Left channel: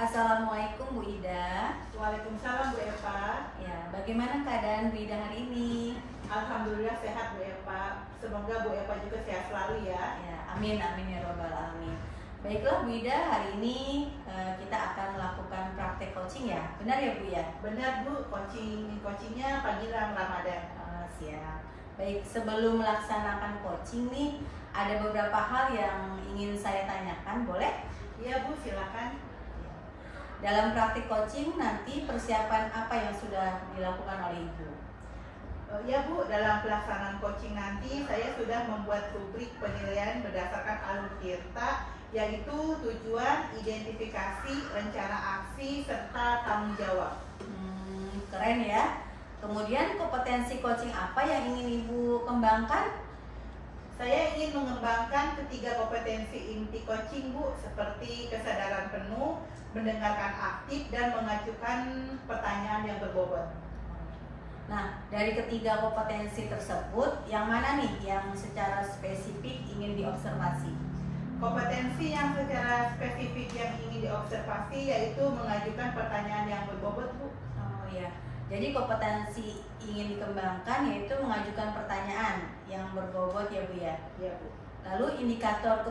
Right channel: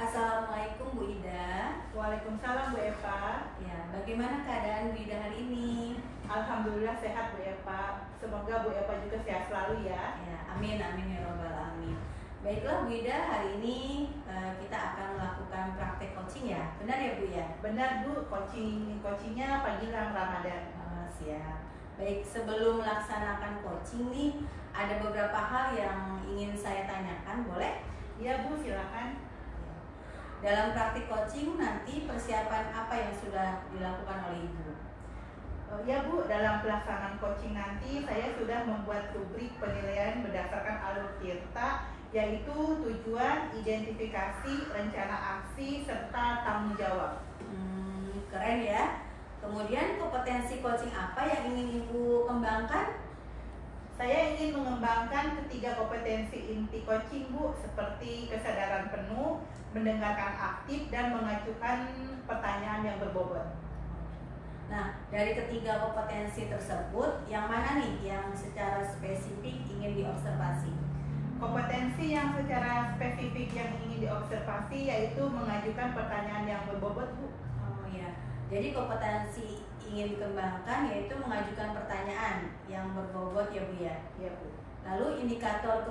Assalamualaikum Bu Ida. Waalaikumsalam Bu Eva. Ya, bagaimana keadaan Bu Ida hari ini? Alhamdulillah sehat Bu Eva. Semoga Bu Eva juga sehat selalu ya. Ya, amin amin ya robbal alamin. Baiklah Bu Ida, hari ini kita akan melakukan praktek coaching ya. Benar ya Bu ya? Benar Bu, coachingnya panggilan Ramadan. Siap. Baik, sebelum melaksanakan coaching nih, ada beberapa hal yang ingin saya tanyakan, boleh? Iya Bu, silakan. Dalam praktik coaching nanti persiapan apa yang sudah dilakukan oleh Ibu? Ya Bu, dalam pelaksanaan coaching nanti saya sudah membuat rubrik penilaian berdasarkan alur tirta, yaitu tujuan, identifikasi, rencana aksi, serta tanggung jawab. Keren ya. Kemudian kompetensi coaching apa yang ingin Ibu kembangkan? Saya ingin mengembangkan ketiga kompetensi inti coaching Bu, seperti kesadaran penuh, mendengarkan aktif, dan mengajukan pertanyaan yang berbobot. Nah, dari ketiga kompetensi tersebut, yang mana nih yang secara spesifik ingin diobservasi? Kompetensi yang secara spesifik yang ingin diobservasi yaitu mengajukan pertanyaan yang berbobot Bu. Oh ya, jadi kompetensi ingin dikembangkan yaitu mengajukan pertanyaan yang berbobot ya Bu ya? Iya Bu. Lalu indikator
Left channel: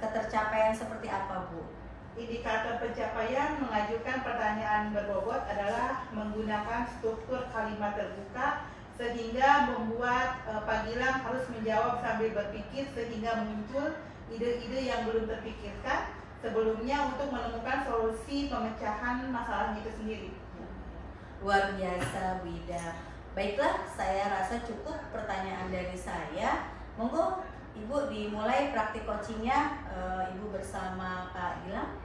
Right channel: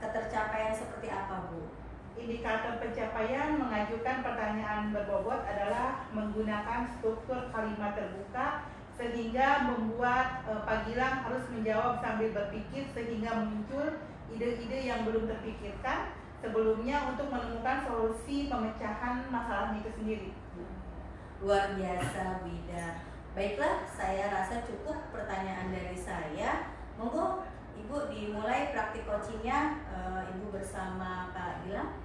ketercapaian seperti apa Bu? Indikator pencapaian mengajukan pertanyaan berbobot adalah menggunakan struktur kalimat terbuka sehingga membuat Pak Gilang harus menjawab sambil berpikir sehingga muncul ide-ide yang belum terpikirkan sebelumnya untuk menemukan solusi pemecahan masalahnya itu sendiri. Luar biasa Bu Ida. Baiklah, saya rasa cukup pertanyaan dari saya. Monggo Ibu dimulai praktik coachingnya, Ibu bersama Pak Gilang.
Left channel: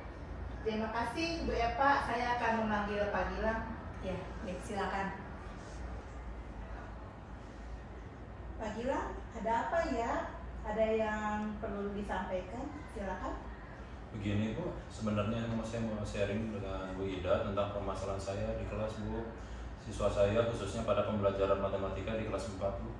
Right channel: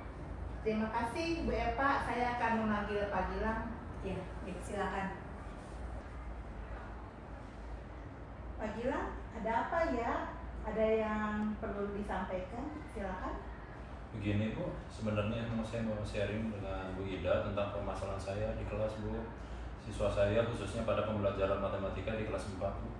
Terima kasih Bu Eva, saya akan memanggil Pak Gilang. Ya, baik, silakan. Pak Gilang, ada apa ya? Ada yang perlu disampaikan? Silakan. Begini Bu, sebenarnya saya mau sharing dengan Bu Ida tentang permasalahan saya di kelas Bu. Siswa saya khususnya pada pembelajaran matematika di kelas 4 Bu.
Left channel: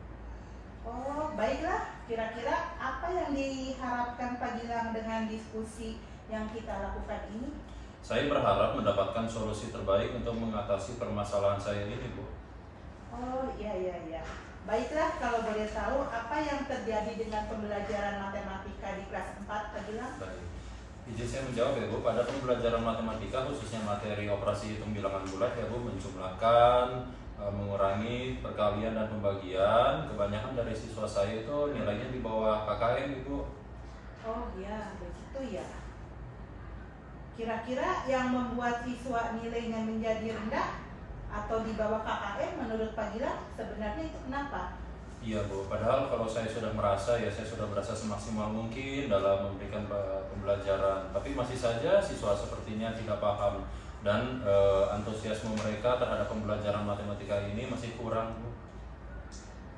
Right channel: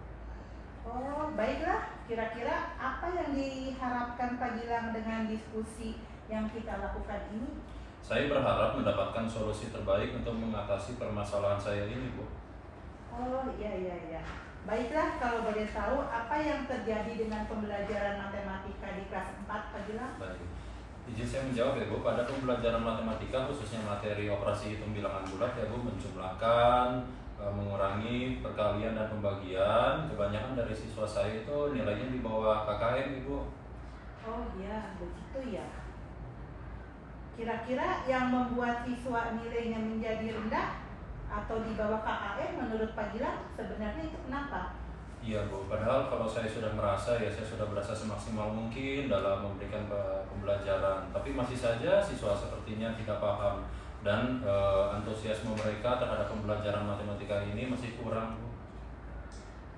Oh, baiklah. Kira-kira apa yang diharapkan Pak Gilang dengan diskusi yang kita lakukan ini? Saya berharap mendapatkan solusi terbaik untuk mengatasi permasalahan saya ini Bu. Oh, iya. Baiklah, kalau boleh tahu apa yang terjadi dengan pembelajaran matematika di kelas 4 Pak Gilang? Baik. Izin saya menjawab ya Bu, pada pembelajaran matematika khususnya materi operasi hitung bilangan bulat ya Bu, menjumlahkan, mengurangi, perkalian dan pembagian, kebanyakan dari siswa saya itu nilainya di bawah KKM Ibu. Oh iya, begitu ya. Kira-kira yang membuat siswa nilainya menjadi rendah atau di bawah KKM menurut Pak Gilang sebenarnya itu kenapa? Iya Bu, padahal kalau saya sudah merasa ya saya sudah berasa semaksimal mungkin dalam memberikan pembelajaran, tapi masih saja siswa sepertinya tidak paham dan antusiasme mereka terhadap pembelajaran matematika ini masih kurang Bu.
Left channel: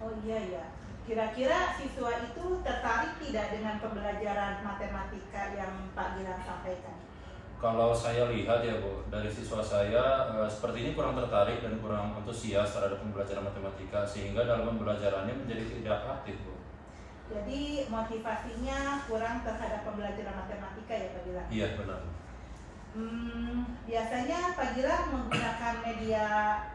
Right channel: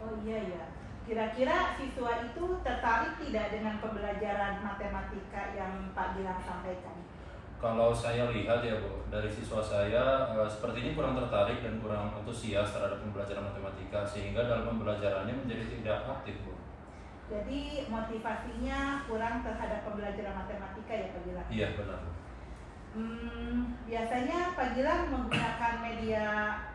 Oh iya. Kira-kira siswa itu tertarik tidak dengan pembelajaran matematika yang Pak Gilang sampaikan? Kalau saya lihat ya Bu, dari siswa saya sepertinya kurang tertarik dan kurang antusias terhadap pembelajaran matematika sehingga dalam pembelajarannya menjadi tidak aktif Bu. Jadi motivasinya kurang terhadap pembelajaran matematika ya Pak Gilang? Iya benar Bu. Biasanya Pak Gilang menggunakan media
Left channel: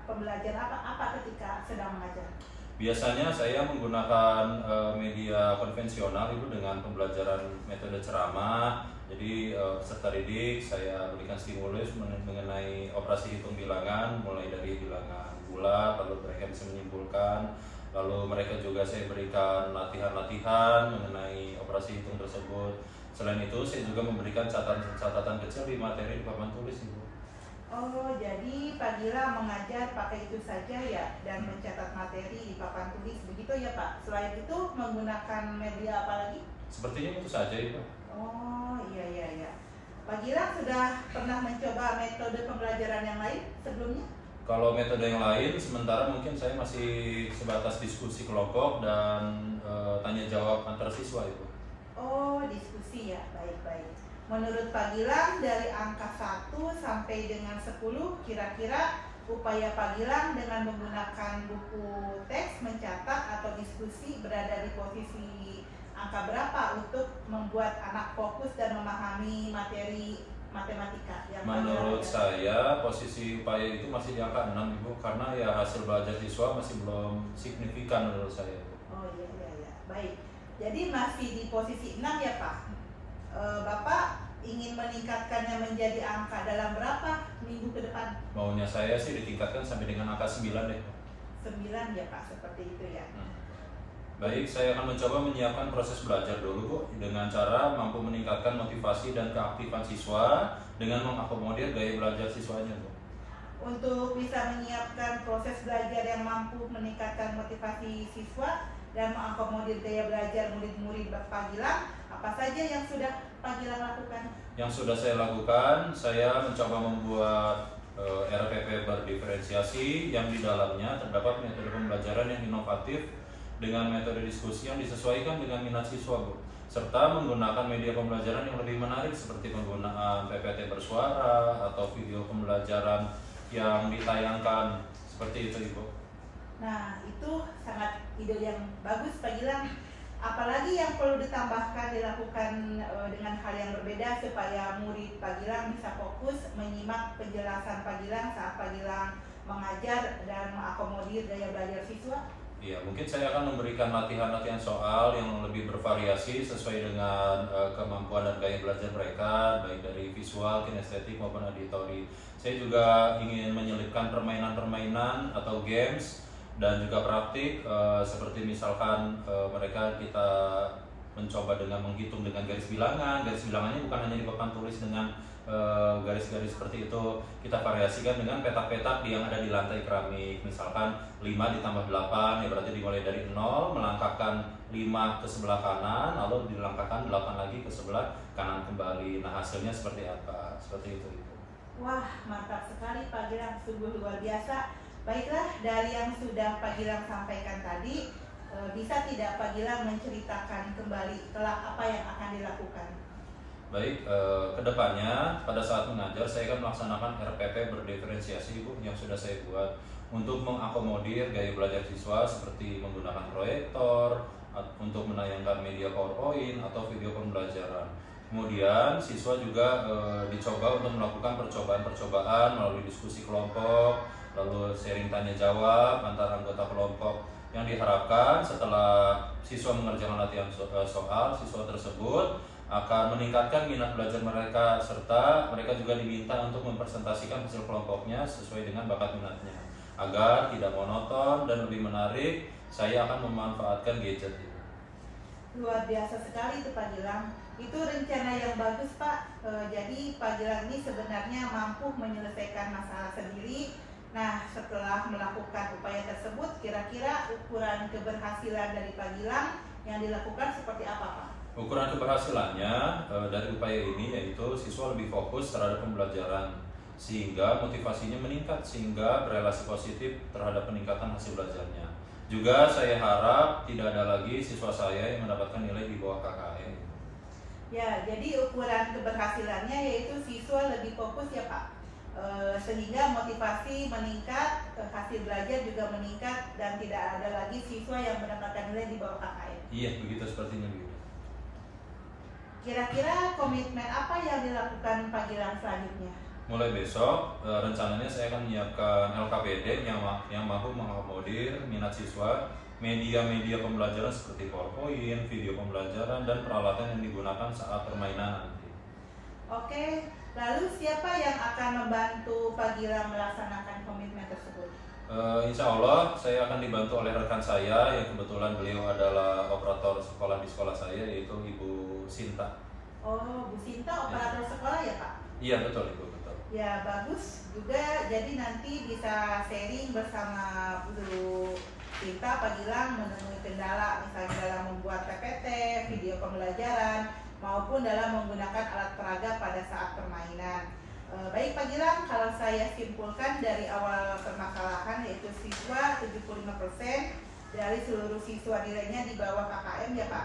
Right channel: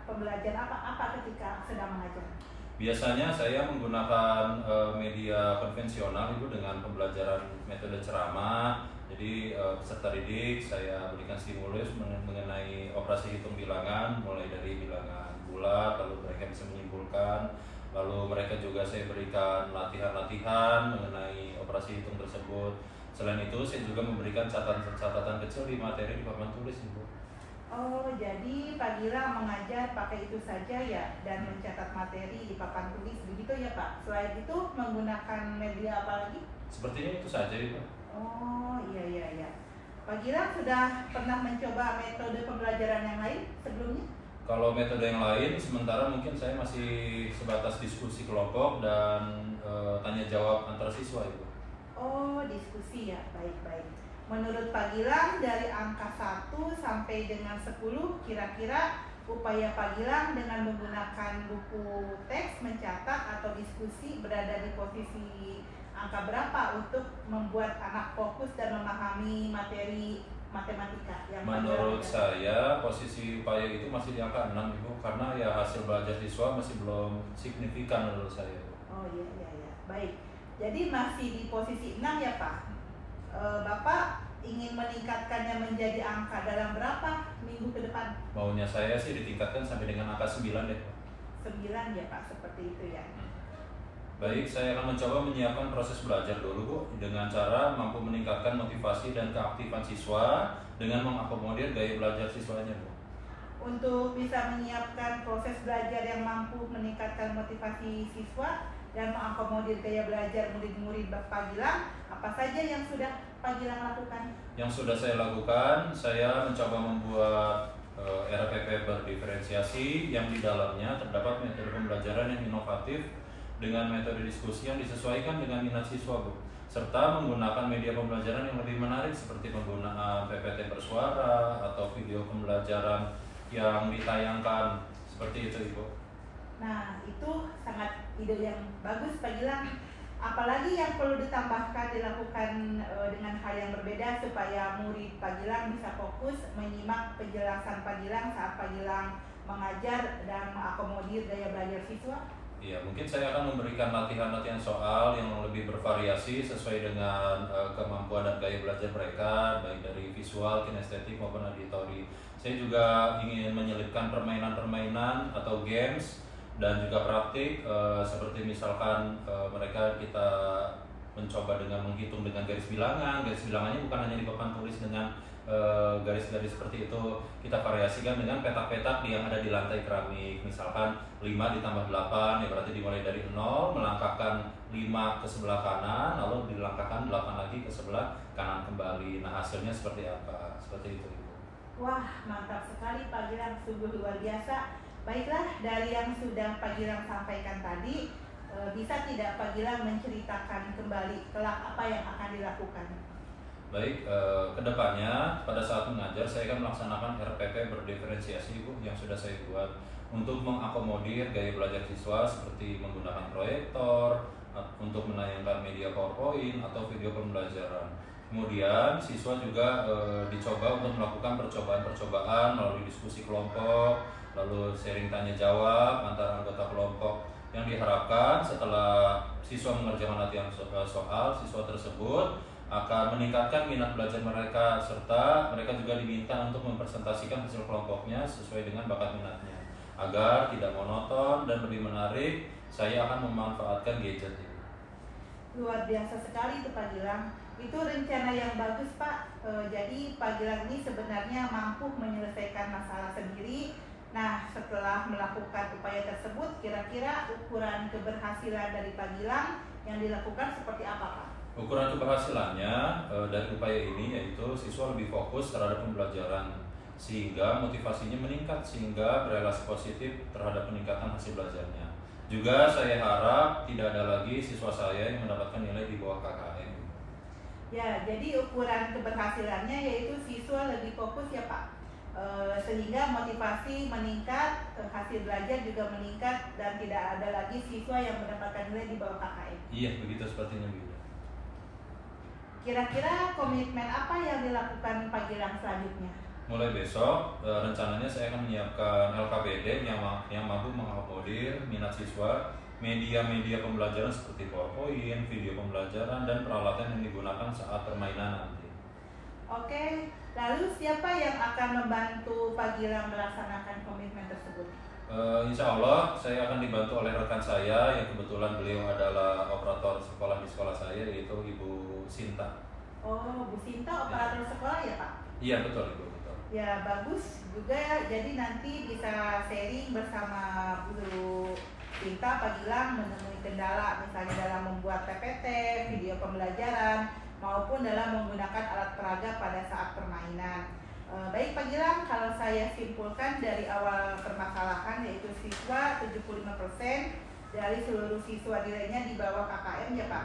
pembelajaran apa ketika sedang mengajar? Biasanya saya menggunakan media konvensional Ibu dengan pembelajaran metode ceramah. Jadi peserta didik saya berikan stimulus mengenai operasi hitung bilangan mulai dari bilangan bulat, lalu mereka bisa menyimpulkan. Lalu mereka juga saya berikan latihan-latihan mengenai operasi hitung tersebut. Selain itu saya juga memberikan catatan kecil di materi di papan tulis Ibu. Oh, jadi Pak Gilang mengajar pakai itu saja ya dan mencatat materi di papan tulis begitu ya Pak. Selain itu menggunakan media apa lagi? Sepertinya itu saja Ibu. Oh iya. Pak Gilang sudah pernah mencoba metode pembelajaran yang lain sebelumnya? Kalau metode yang lain sementara mungkin saya masih sebatas diskusi kelompok dan tanya jawab antar siswa Ibu. Oh, diskusi ya. Baik. Menurut Pak Gilang dari angka 1 sampai dengan 10 kira-kira upaya Pak Gilang dengan menggunakan buku teks mencatat atau diskusi berada di posisi angka berapa untuk membuat anak fokus dan memahami materi matematika yang Menurut pelajaran? saya posisi upaya itu masih di angka 6 Ibu, karena ya hasil belajar siswa masih belum signifikan menurut saya Bu. Oh iya iya iya, baik. Jadi masih di posisi 6 ya Pak. Bapak ingin meningkatkannya menjadi angka dalam berapa minggu ke depan? Maunya saya sih ditingkatkan sampai dengan angka 9 deh Pak. 9 ya Pak, seperti itu ya. Baik, saya akan mencoba menyiapkan proses belajar dulu Bu, dengan cara mampu meningkatkan motivasi dan keaktifan siswa dengan mengakomodir gaya belajar siswanya Bu. Untuk bisa menyiapkan proses belajar yang mampu meningkatkan motivasi siswa dan mengakomodir gaya belajar murid-murid Pak Gilang, apa saja yang sudah Pak Gilang lakukan? Yang sudah saya lakukan, saya mencoba membuat RPP berdiferensiasi yang di dalamnya terdapat metode pembelajaran yang inovatif dengan metode diskusi yang disesuaikan dengan minat siswa Bu, serta menggunakan media pembelajaran yang lebih menarik seperti penggunaan PPT bersuara atau video pembelajaran yang ditayangkan, seperti itu Ibu. Nah, itu sangat ide yang bagus Pak Gilang. Apalagi yang perlu ditambahkan dilakukan dengan hal yang berbeda supaya murid Pak Gilang bisa fokus menyimak penjelasan Pak Gilang saat Pak Gilang mengajar dan mengakomodir gaya belajar siswa? Iya, mungkin saya akan memberikan latihan-latihan soal yang lebih bervariasi sesuai dengan kemampuan dan gaya belajar mereka, baik dari visual, kinestetik maupun auditori. Saya juga ingin menyelipkan permainan-permainan atau games dan juga praktik, seperti misalkan mereka kita mencoba dengan menghitung dengan garis bilangan. Garis bilangannya bukan hanya di papan tulis dengan garis-garis seperti itu, kita variasikan dengan petak-petak yang ada di lantai keramik. Misalkan 5 ditambah 8, ya berarti dimulai dari 0, melangkahkan 5 ke sebelah kanan, lalu dilangkahkan 8 lagi ke sebelah kanan kembali. Nah, hasilnya seperti apa? Seperti itu Ibu. Wah, mantap sekali Pak Gilang, sungguh luar biasa. Baiklah, dari yang sudah Pak Gilang sampaikan tadi, bisa tidak Pak Gilang menceritakan kembali kelak apa yang akan dilakukan? Baik, kedepannya pada saat mengajar saya akan melaksanakan RPP berdiferensiasi Bu, yang sudah saya buat untuk mengakomodir gaya belajar siswa seperti menggunakan proyektor untuk menayangkan media PowerPoint atau video pembelajaran. Kemudian siswa juga dicoba untuk melakukan percobaan-percobaan melalui diskusi kelompok, lalu sharing tanya jawab antar anggota kelompok, yang diharapkan setelah siswa mengerjakan latihan soal, siswa tersebut akan meningkatkan minat belajar mereka, serta mereka juga diminta untuk mempresentasikan hasil kelompoknya sesuai dengan bakat minatnya. Agar tidak monoton dan lebih menarik, saya akan memanfaatkan gadget ini. Luar biasa sekali itu Pak Gilang. Itu rencana yang bagus Pak. Jadi Pak Gilang ini sebenarnya mampu menyelesaikan masalah sendiri. Nah, setelah melakukan upaya tersebut, kira-kira ukuran keberhasilan dari Pak Gilang yang dilakukan seperti apa Pak? Ukuran keberhasilannya dari upaya ini yaitu siswa lebih fokus terhadap pembelajaran, sehingga motivasinya meningkat, sehingga berelasi positif terhadap peningkatan hasil belajarnya. Juga saya harap tidak ada lagi siswa saya yang mendapatkan nilai di bawah KKM. Ya, jadi ukuran keberhasilannya yaitu siswa lebih fokus ya Pak, sehingga motivasi meningkat, hasil belajar juga meningkat, dan tidak ada lagi siswa yang mendapatkan nilai di bawah KKM. Iya, begitu sepertinya Bu. Kira-kira komitmen apa yang dilakukan Pak Gilang selanjutnya? Mulai besok, rencananya saya akan menyiapkan LKPD yang mampu mengakomodir minat siswa, media-media pembelajaran seperti PowerPoint, video pembelajaran, dan peralatan yang digunakan saat permainan nanti. Oke, lalu siapa yang akan membantu Pak Gilang melaksanakan komitmen tersebut? Insya Allah saya akan dibantu oleh rekan saya yang kebetulan beliau adalah operator sekolah di sekolah saya, yaitu Ibu Sinta. Oh, Bu Sinta operator sekolah ya Pak? Iya betul Ibu, betul. Ya bagus juga, jadi nanti bisa sharing bersama Bu Sinta Pak Gilang menemui kendala misalnya dalam membuat PPT, video pembelajaran, maupun dalam menggunakan alat peraga pada saat permainan. Baik Pak Gilang, kalau saya simpulkan dari awal permasalahan yaitu siswa 75% dari seluruh siswa nilainya di bawah KKM ya Pak.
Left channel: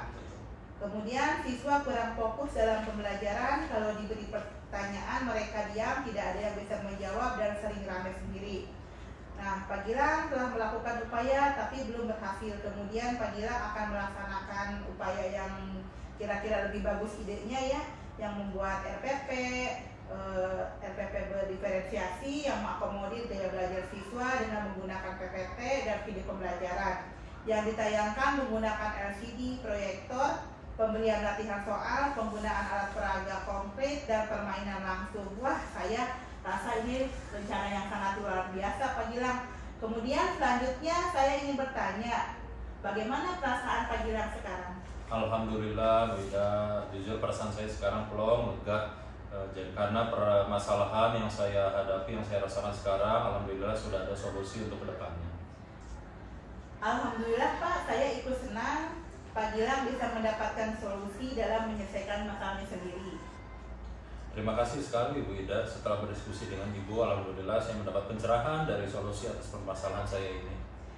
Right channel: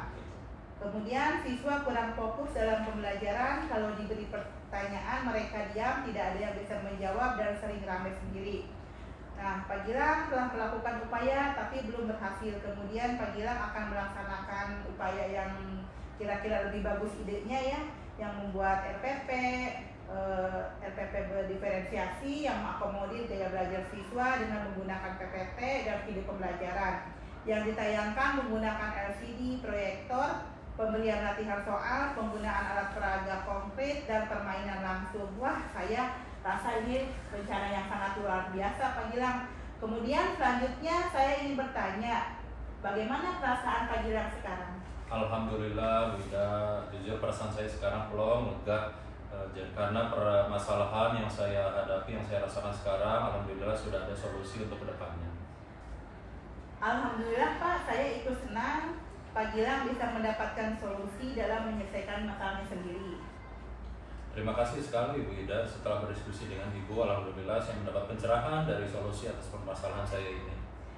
Kemudian siswa kurang fokus dalam pembelajaran, kalau diberi pertanyaan mereka diam, tidak ada yang bisa menjawab dan sering ramai sendiri. Nah, Pak Gilang telah melakukan upaya tapi belum berhasil. Kemudian Pak Gilang akan melaksanakan upaya yang kira-kira lebih bagus idenya ya, yang membuat RPP, LPP berdiferensiasi yang mengakomodir gaya belajar siswa dengan menggunakan PPT dan video pembelajaran yang ditayangkan menggunakan LCD, proyektor, pemberian latihan soal, penggunaan alat peraga konkret, dan permainan langsung. Wah, saya rasa ini rencana yang sangat luar biasa, Pak Gilang. Kemudian selanjutnya saya ingin bertanya, bagaimana perasaan Pak Gilang sekarang? Alhamdulillah, Wida, jujur perasaan saya sekarang plong, lega. Jadi karena permasalahan yang saya hadapi, yang saya rasakan sekarang, alhamdulillah sudah ada solusi untuk kedepannya. Alhamdulillah Pak, saya ikut senang Pak Gilang bisa mendapatkan solusi dalam menyelesaikan masalahnya sendiri. Terima kasih sekali Ibu Ida. Setelah berdiskusi dengan Ibu, alhamdulillah saya mendapat pencerahan dari solusi atas permasalahan saya ini.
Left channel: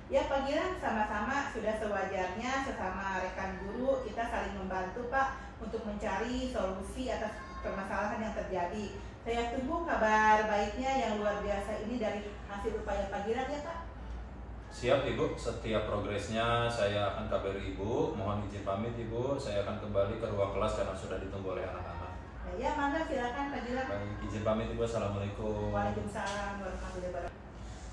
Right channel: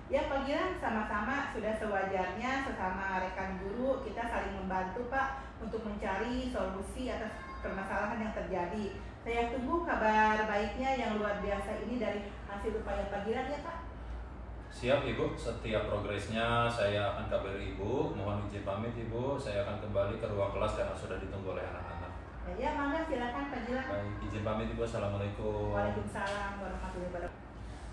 Ya Pak Gilang, sama-sama sudah sewajarnya sesama rekan guru kita saling membantu Pak untuk mencari solusi atas permasalahan yang terjadi. Saya tunggu kabar baiknya yang luar biasa ini dari hasil upaya Pak Gilang ya Pak. Siap Ibu, setiap progresnya saya akan kabari Ibu. Mohon izin pamit Ibu, saya akan kembali ke ruang kelas karena sudah ditunggu oleh anak-anak. Ya, mangga silakan Pak Gilang. Baik, izin pamit Ibu. Assalamualaikum. Waalaikumsalam warahmatullahi wabarakatuh.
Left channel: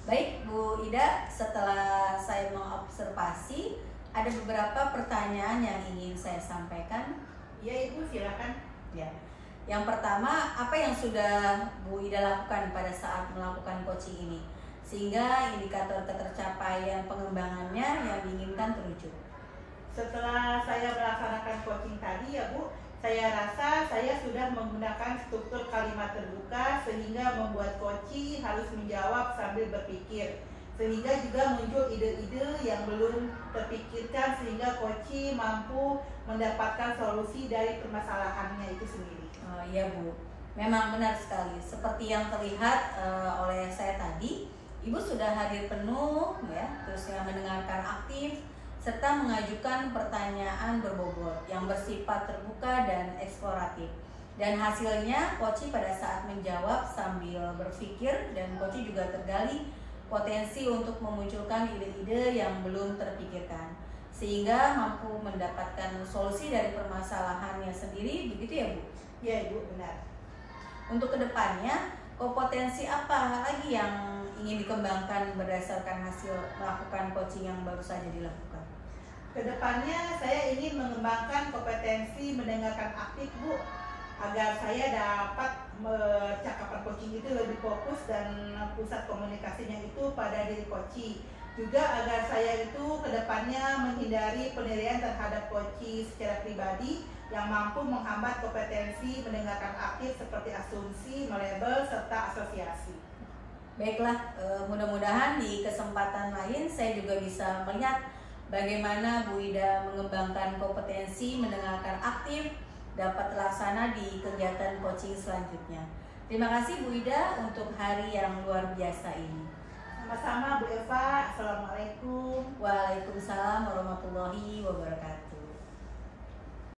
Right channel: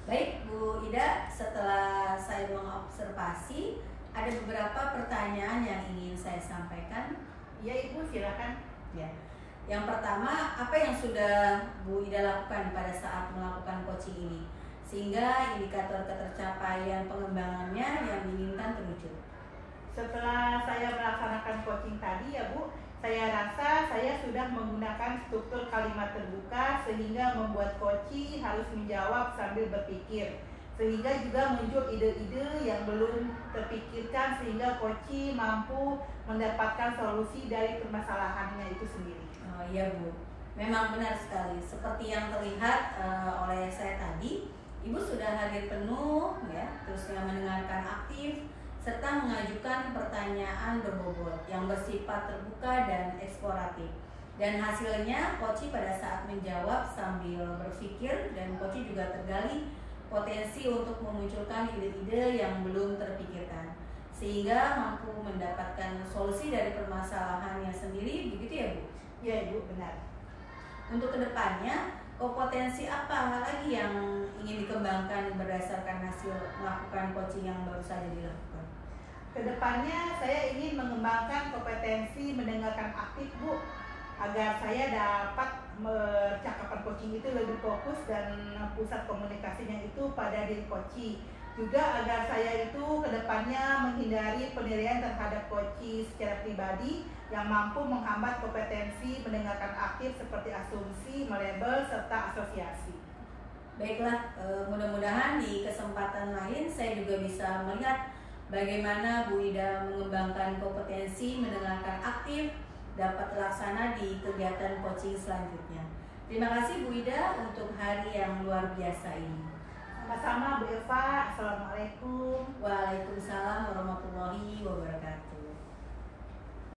Baik Bu Ida, setelah saya mengobservasi ada beberapa pertanyaan yang ingin saya sampaikan. Ya Ibu silakan. Ya. Yang pertama, apa yang sudah Bu Ida lakukan pada saat melakukan coaching ini sehingga indikator ketercapaian pengembangannya yang diinginkan terwujud? Setelah saya melaksanakan coaching tadi ya Bu, saya rasa saya sudah menggunakan struktur kalimat terbuka sehingga membuat coach harus menjawab sambil berpikir, sehingga juga muncul ide-ide yang belum terpikirkan sehingga coach mampu mendapatkan solusi dari permasalahannya itu sendiri. Oh iya Bu, memang benar sekali. Seperti yang terlihat oleh saya tadi, Ibu sudah hadir penuh ya, terus yang mendengarkan aktif serta mengajukan pertanyaan berbobot yang bersifat terbuka dan eksploratif. Dan hasilnya Koci pada saat menjawab sambil berpikir, dan Koci juga tergali potensi untuk memunculkan ide-ide yang belum terpikirkan sehingga mampu mendapatkan solusi dari permasalahannya sendiri, begitu ya Bu? Ya Ibu, benar. Untuk kedepannya, kompetensi apa lagi yang ingin dikembangkan berdasarkan hasil melakukan coaching yang baru saja dilakukan? Kedepannya saya ingin mengembangkan kompetensi mendengarkan aktif Bu, agar saya dapat percakapan coaching itu lebih fokus dan pusat komunikasinya itu pada diri coach. Juga agar saya itu kedepannya menghindari penilaian terhadap coach secara pribadi yang mampu menghambat kompetensi mendengarkan aktif seperti asumsi, melabel, serta asosiasi. Baiklah, mudah-mudahan di kesempatan lain saya juga bisa melihat bagaimana Bu Ida mengembangkan kompetensi mendengarkan aktif dapat terlaksana di kegiatan coaching selanjutnya. Terima kasih Bu Ida untuk hari yang luar biasa ini. Sama-sama Bu Eva, Assalamualaikum. Waalaikumsalam warahmatullahi wabarakatuh.